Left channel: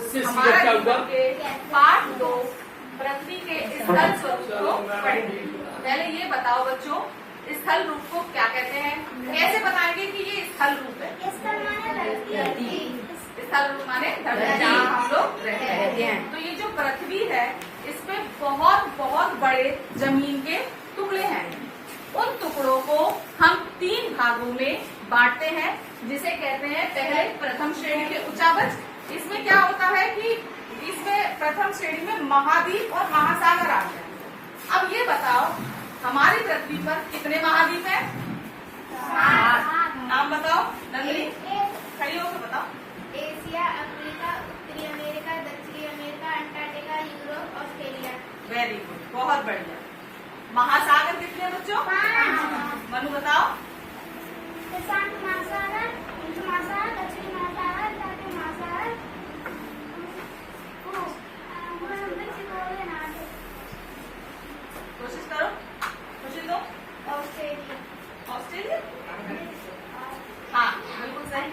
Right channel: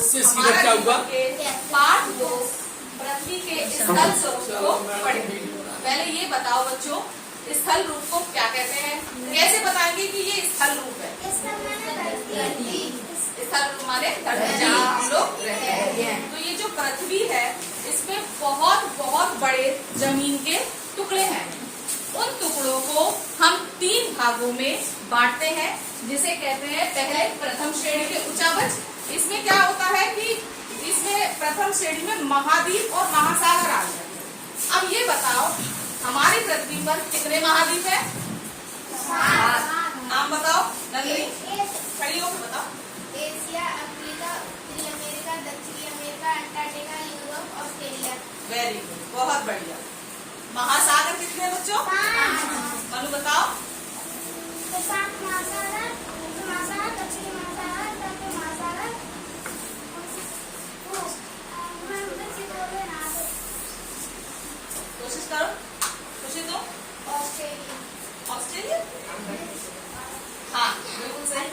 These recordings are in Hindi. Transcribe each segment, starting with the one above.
उससे सीधा हमारा क्या हुआ? पार्ट 2 पृथ्वी के स्थल स्वरूप को पढ़ेंगे। पहले ये बताओ बच्चों, स्थल रूप को क्या कहते हैं? कैसे बताएंगे कि ये स्थल रूप है? स्थल रूप माने धरती जहाँ हम लोग रहते हैं। तो ये जो पृथ्वी है इसमें बहुत बहुत बड़े जमीन के टुकड़े हैं। उन टुकड़ों को हम 3 भागों में बांटते हैं, जिसे कहते हैं पहले प्रथम श्रेणी के उच्चावच। इसमें क्या होता है कि इसमें प्रथम श्रेणी में महाद्वीप और महासागर आ गए। अब ये बताओ हमारी पृथ्वी पर कितने महाद्वीप हैं? नाम बताओ नंदनी, सही लोग बताओ। एशिया, अफ्रीका, उत्तरी अमेरिका, दक्षिणी America, Antarctica, Europe, Australia. Very good, बहुत बढ़िया। महासागर कितने बच्चों? मनु बताओ। प्रशांत महासागर, हिंद महासागर, दक्षिणी महासागर, अटलांटिक महासागर, कोशिश करो, कोशिश दो। ऑस्ट्रेलिया। ऑस्ट्रेलिया, हाँ बिल्कुल सही।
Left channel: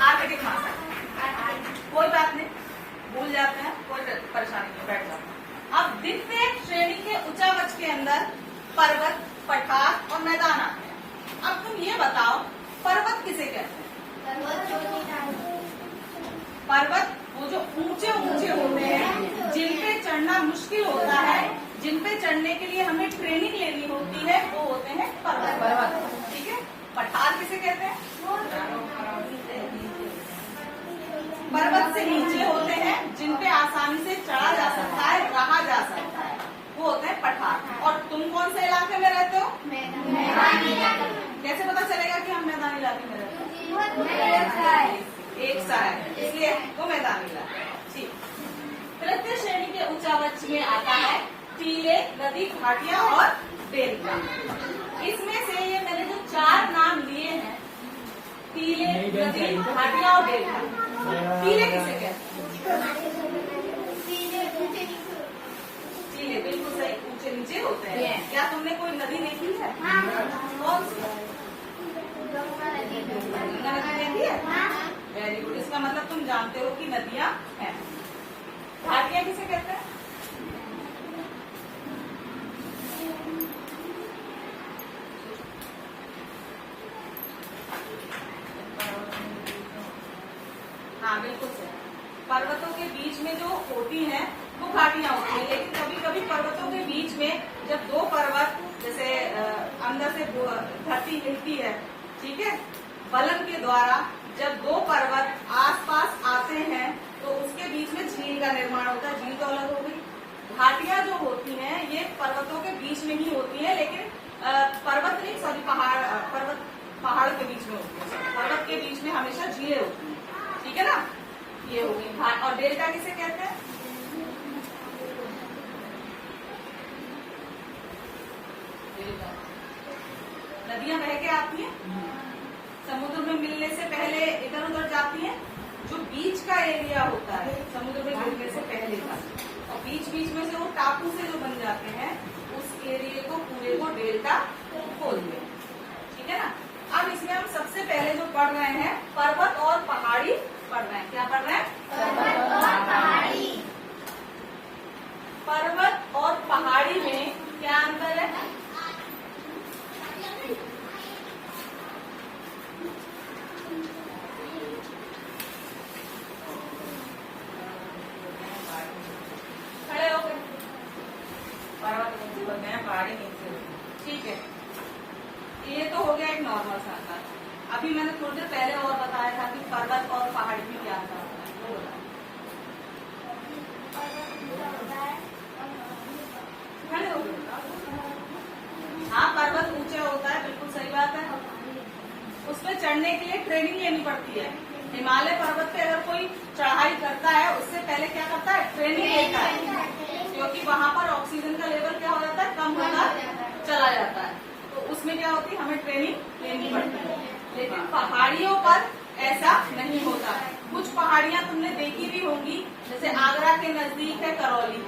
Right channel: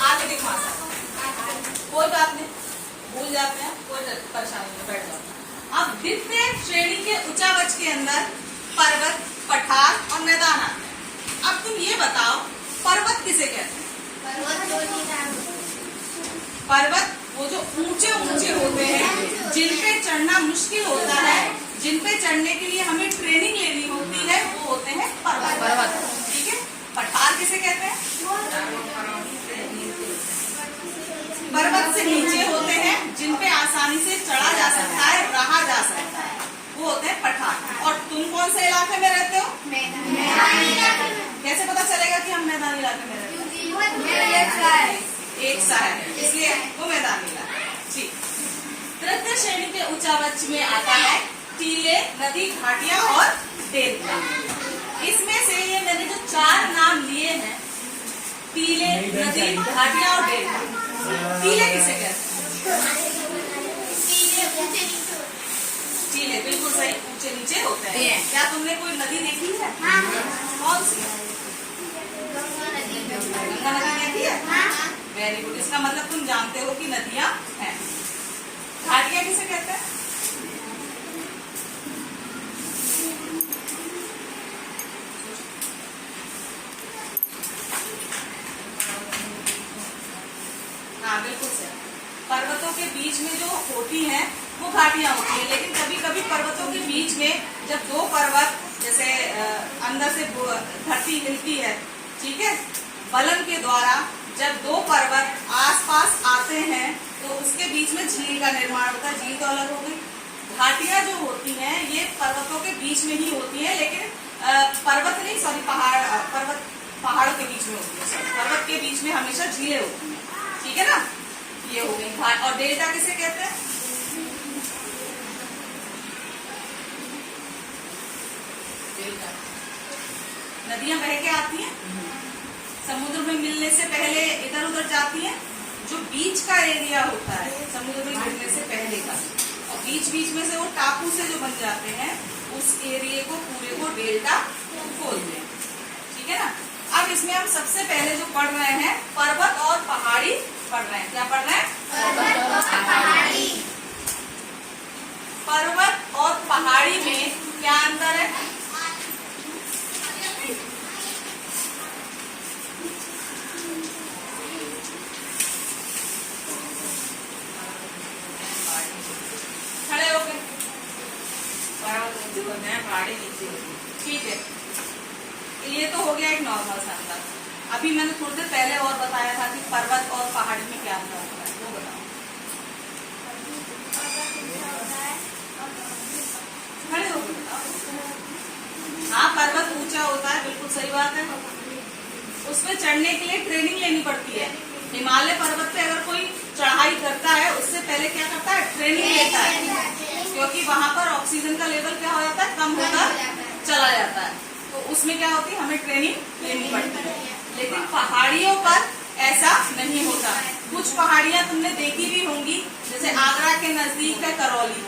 आर्कटिक महासागर, कोई बात नहीं, भूल जाते हैं, कोई परेशानी नहीं, बैठ जाते हैं। अब द्वितीय श्रेणी के उच्चावच के अंदर पर्वत, पठार और मैदान आते हैं। अब तुम ये बताओ पर्वत किसे कहते हैं? पर्वत वो जो ऊंचे ऊंचे होते हैं, जिन पे चढ़ना मुश्किल होता है, जिन पे चढ़ने के लिए हमें ट्रेनिंग लेनी होती है, वो होते हैं पर्वत। ठीक है। पठार किसे कहते हैं? पर्वत से नीचे होते हैं, जिन पे आसानी से चढ़ा जा सकता है, रहा जा सकता है, वो होते हैं पठार। और तुम कौन से इलाके में रहते हो? मैदानी इलाके में। कैसे पता चलेगा कि हम मैदानी इलाके में रहते हैं? एक सा है, इसलिए वो मैदानी इलाका है। ठीक। तृतीय श्रेणी के उच्चावच में आता है टीले, नदी, घाटियां और डेल्टा। इसमें से ये मैंने जो 4 नाम लिए हैं, टीले, नदी, घाटियां और डेल्टा, टीले किसे कहते हैं? टीले बिल्कुल सही, ऊंचे नीचे होते हैं। क्या तुमने कोई नदी देखी है? कौन सी? गंगा नदी देखी है? वेरी गुड, इसका मतलब तुम जानते हो कि नदियां हैं। घाटियां किसे कहते हैं? हाँ बिल्कुल सही। पर्वतों के बीच में जो होती हैं वो घाटियां होती हैं, लेकिन कभी कभी पर्वतों के बीच में जब 2 पर्वत जैसे अंदर से धरती हिलती है, ठीक है, बलन के द्वारा जब 2 पर्वत आसपास आते हैं तो उसके बीच में झील का निर्माण होता है। झील तो अलग हो गई। घाटियां जो होती हैं ये पर्वतों के बीच में ही होती हैं, लेकिन पर्वत नहीं, सॉरी पहाड़ों के बीच में होती है। पर्वत के बीच में हमेशा झीलें होती हैं, ठीक है ना। ये हो गई घाट। और डेल्टा किसे कहते हैं? नदियां बह के आती हैं, समुद्र में मिलने से पहले इधर उधर जाती हैं। जो बीच का एरिया होता है समुद्र में मिलने से पहले का, और बीच बीच में से वो टापू से जो बन जाते हैं, उस एरिया को पूरे को डेल्टा बोलते हैं, ठीक है ना। अब इसमें हम सबसे पहले जो पढ़ रहे हैं पर्वत और पहाड़ी पढ़ रहे हैं। क्या पढ़ रहे हैं? पर्वत और पहाड़ी में क्या अंतर है? खड़े हो गए। पर्वत नीचे होते हैं, पहाड़ी नीचे होती है, ठीक है। ये तो हो गया एक नॉर्मल सा अंतर। अभी मैंने थोड़ी देर पहले और बताया था कि पर्वत और पहाड़ी में क्या अंतर होता है, वो बताओ। खड़े हो गए बताओ। हाँ, पर्वत ऊंचा होता है, बिल्कुल सही बात है। उसमें चढ़ने के लिए ट्रेनिंग लेनी पड़ती है। हिमालय पर्वत पे अगर कोई चढ़ाई करता है, उससे पहले क्या करता है? ट्रेनिंग लेता है, क्योंकि वहां पर ऑक्सीजन का लेवल क्या हो जाता है? कम होता चला जाता है। तो उसमें क्या होती है? हमें ट्रेनिंग लेनी पड़ती है। लेकिन पहाड़ियों पर ऐसा नहीं होता। कुछ पहाड़ियां तुमने देखी भी होंगी, जैसे आगरा के नजदीक है करौली,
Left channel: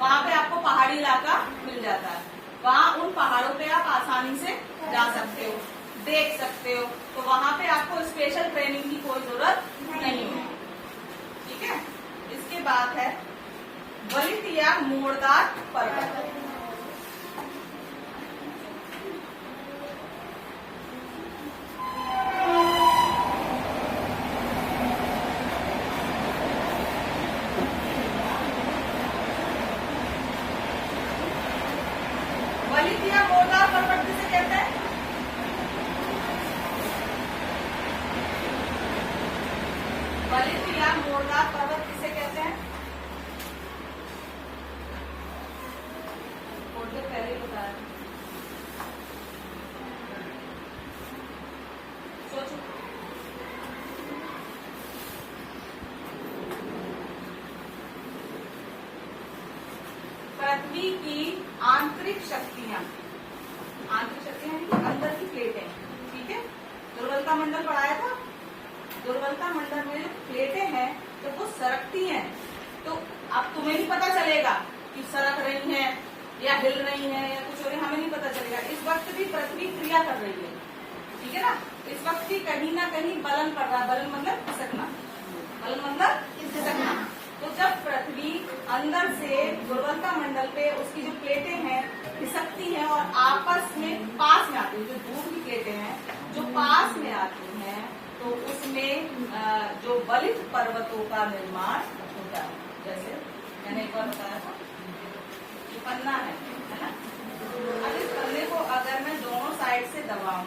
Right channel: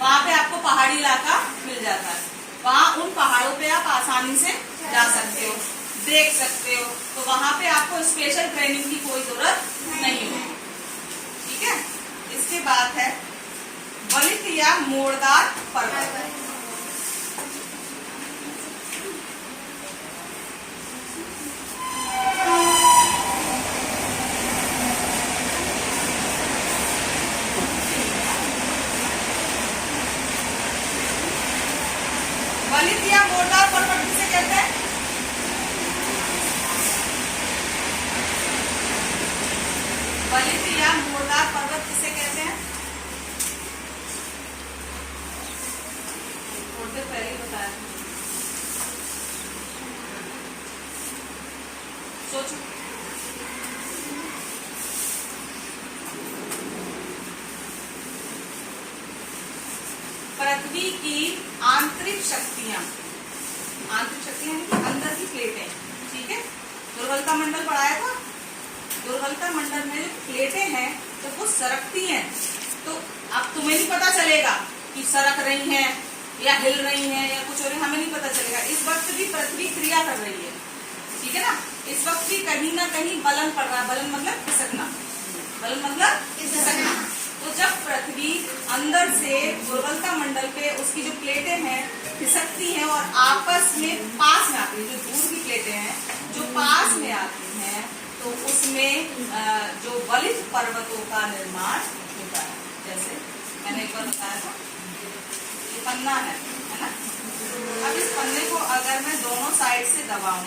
वहाँ पे आपको पहाड़ी इलाका मिल जाता है। वहाँ उन पहाड़ों पे आप आसानी से जा सकते हो, देख सकते हो। तो वहाँ पे आपको स्पेशल ट्रेनिंग की कोई जरूरत नहीं होगी, या मोड़दार पर्वत। वलित या मोड़दार पर्वत किसे कहते हैं? वलित या मोड़दार पर्वत किसे कहते हैं? थोड़ी देर पहले ही बताया। सोचो। पृथ्वी की आंतरिक शक्तियां अंदर की प्लेटें, ठीक है। दुर्बलता मंडल पढ़ाया था। दुर्बलता मंडल में जो प्लेटें हैं जब वो सरकती हैं तो अब तुम्हें नहीं पता चलेगा कि सरक रही हैं या हिल रही हैं या कुछ हो रही, हमें नहीं पता चलेगा। इस वक्त भी पृथ्वी क्रिया कर रही है, ठीक है ना। इस वक्त भी कहीं ना कहीं बलन पड़ रहा है। बलन मतलब खिसकना, बलन मतलब खिसकना। तो जब पृथ्वी अंदर से दुर्बलता मंडल पे उसकी जो प्लेटें हैं खिसकती हैं और आपस में पास में आती है, जो दूर की प्लेटें हैं जो पास में आती हैं, तो उसमें जो वलित पर्वतों का निर्माण होता है। जैसे मैंने एक बार बताया था, ये पन्ना है ना। अब इस पन्ने को अगर मैं दोनों साइड से दबाऊं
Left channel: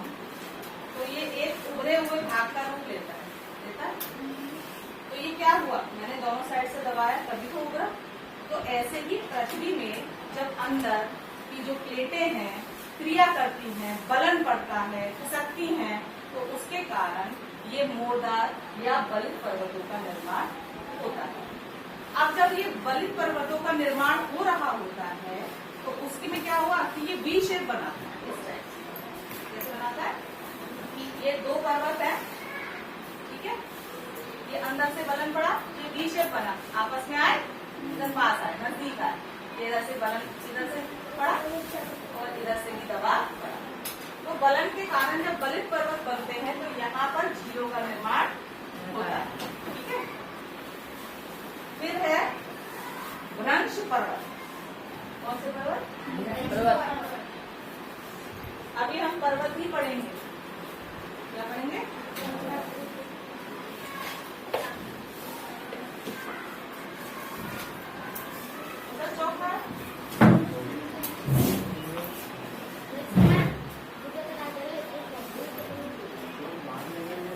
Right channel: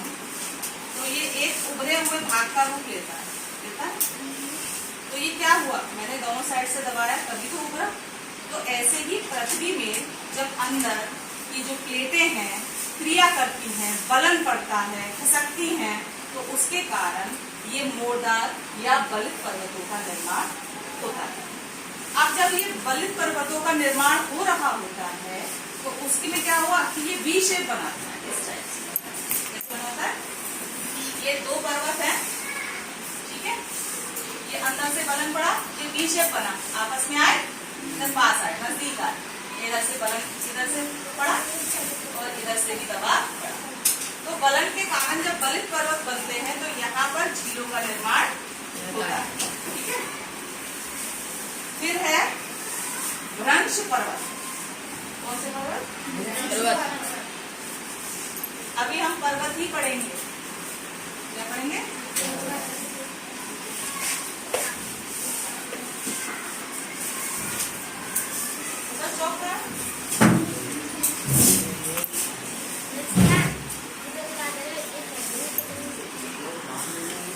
तो ये एक उभरे हुए भाग का रूप लेता है। तो ये क्या हुआ, मैंने दोनों साइड से दबाया तभी तो उभरा। तो ऐसे ही पृथ्वी में जब अंदर की जो प्लेटें हैं क्रिया करती हैं, बलन पड़ता है, खिसकती हैं, तो उसके कारण ये मोड़दार या वलित पर्वतों का निर्माण होता है। अब जब ये वलित पर्वतों का निर्माण हो रहा होता है तो उसके में क्या हुआ कि ये वी शेप बनाता है। इस टाइप से कैसे बनाता है? ये दो पर्वत है, ठीक है। ये अंदर से बलन पड़ा, ये वी शेप बना, आपस में आए, इधर पास आए, नजदीक आए। इधर से बलन इधर से पड़ा और इधर से भी दबाव पड़ा। तो बलन के कारण जब वलित पर्वत बनते हैं तो यहाँ पर झीलों का निर्माण होता है, ठीक है। फिर है भ्रंश पर्वत। कौन से पर्वत? अभी हम पर्वत ही पढ़ेंगे। क्या पढ़ेंगे?